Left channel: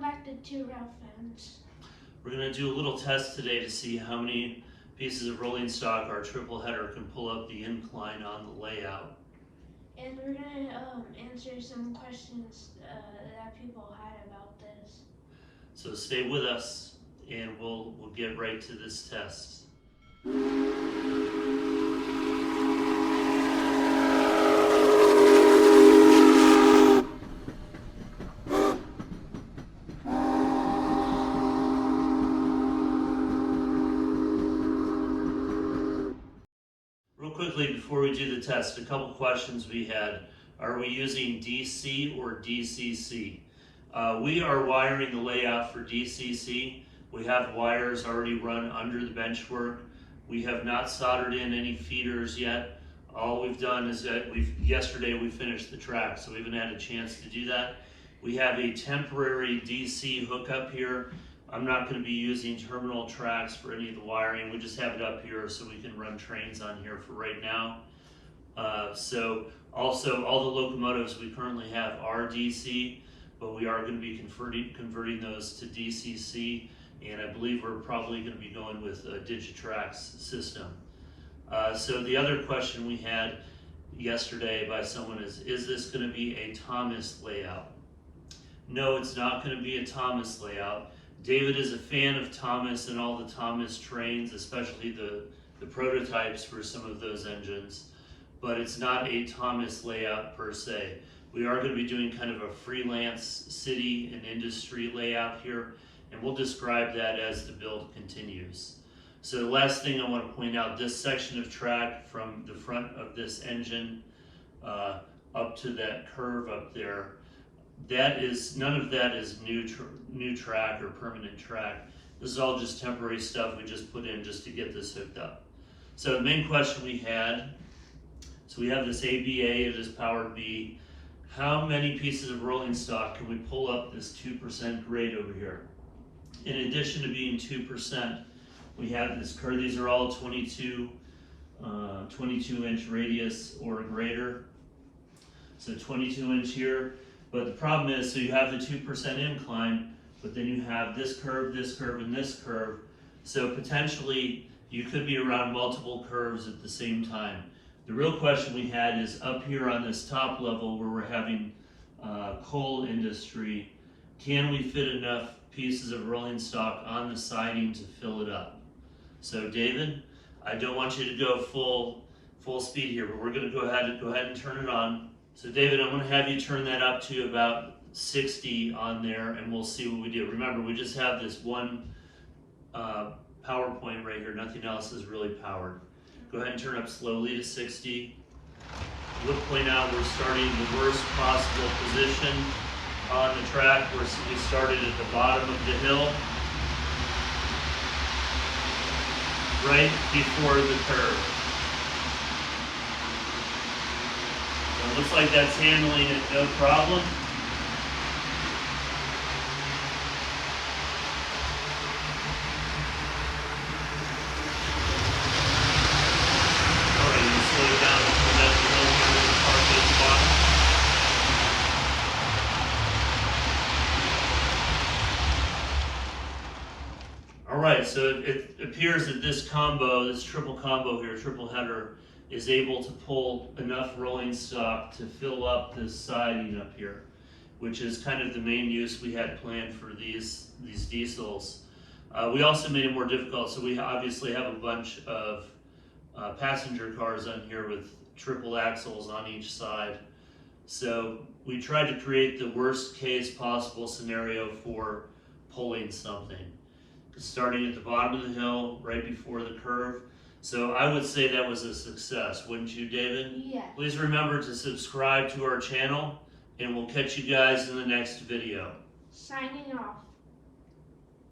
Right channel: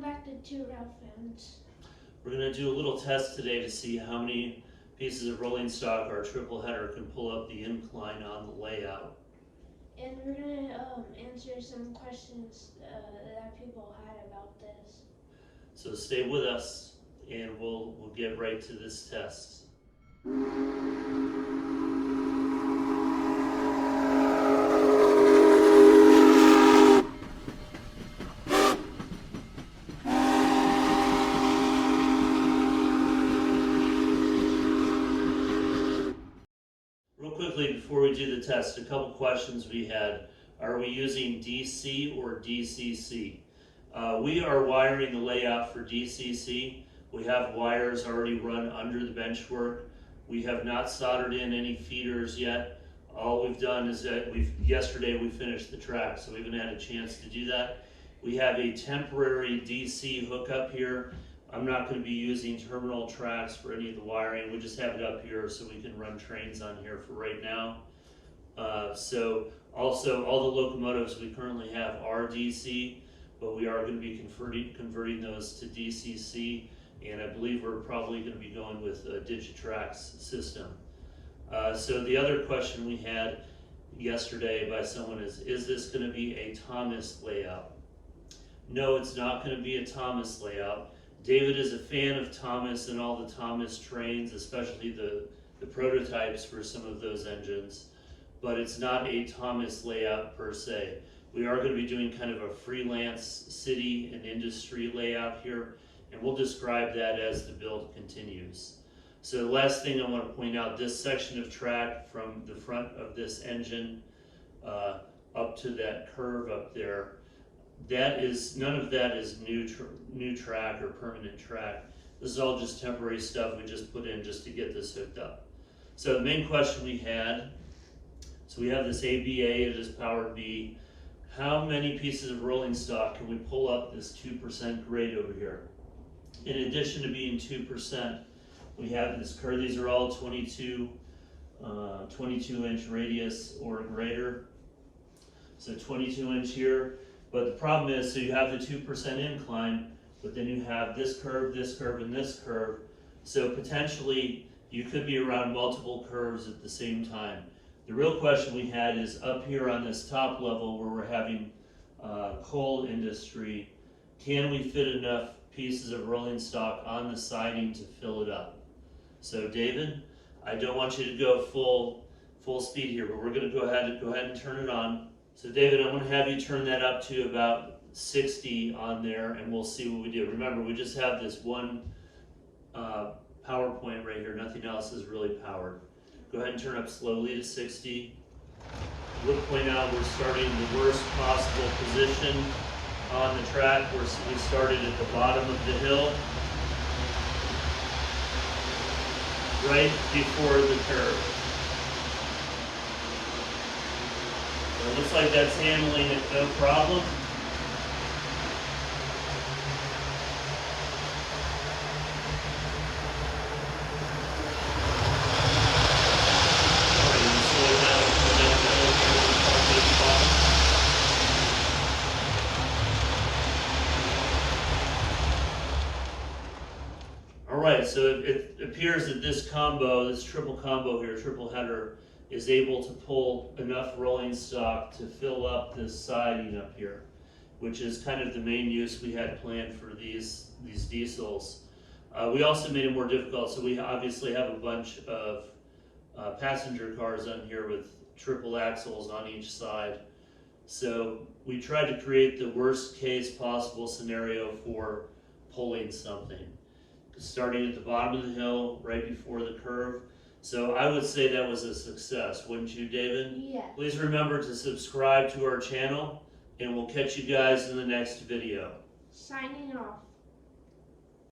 Welcome back to Two Ralph Fans. We're going to do a little test today to see how many pieces of rolling stock our triple header can pull up the incline on the layout. And we're going to answer some questions that people had about this. So stay with us and we'll get right to this test. Quickly, before we do the test, a couple questions we had. Are we using DC or DCC? We are wiring the layout for DCC. We have wires already run under the benchwork. We have not soldered in any feeders yet. All we've done is that yesterday we finished the track, so we haven't had a chance to do that. We have a temporary DC hookup here. I'm not going to be using terminal tracks for any of the wiring. We just have it up here so we can run trains on here for right now. So also all the locomotives we currently have are DC, but we are going to be converting those to DCC, and I believe we're probably going to be going with a Digitrax system. So the other question we had yesterday by someone is this going to be a Thomas layout? No, it's not going to be a Thomas layout. David is a fan of Thomas and all the Thomas trains, especially the prototypes for some of those engines, but it's not a Thomas layout per se. We are going to be doing kind of a freelance city and industry layout here, and we'll describe that as the build continues. So the last thing I want to point out, this section of track from the front of this engine up to that curve up there, none of that is new track or permanent track. This is all just temporary stuff we just put in just to get this hooked up. So the main question we had, so we have this ABA, it is power B. How many pieces of rolling stock can we pull up this 2% grade over here? In addition to being 2%, we have this curve. These are all 22 inch radius or greater. So 22 inch here. But the problem is, so you have the 2% incline, but then you have this curve, and this curve. So potentially you could be around multiple curves at the same time. The real question we had is up here on this top level where we're having coal industry, can we fit enough pieces of rolling stock on the siding to fill it up? So David, I don't want you to go full speed here, but we're going to go ahead and turn it on. So David, I'm going to have you turn that up to about 60 on there, and we'll see what we do. Remember, we just have this one power point right here. Nothing else is really powered. Go ahead and turn up slowly to 60. We'll point out we're starting in the worst possible position on the track. We started at the bottom of the hill, right before the curve. So it looks like that's handling it no problem. Alright, you slow it down to come down the hill here to park it at the bottom. Alright, so it appears that this combo, this triple combo here, triple header, is able to pull enough rolling stock to fill up this siding up here, which is kind of the main use we had planned for these diesels. We also made it more difficult, so we obviously have a bunch of passenger cars on here with triple axles on each side. So we tried to create the worst case possible scenario for pulling something. Starting at the bottom of the hill, right before the curve. So I would say that was a success, wouldn't you, David? Yeah. Please remember to subscribe to our channel, and we'll catch you guys in the next video. Signing off.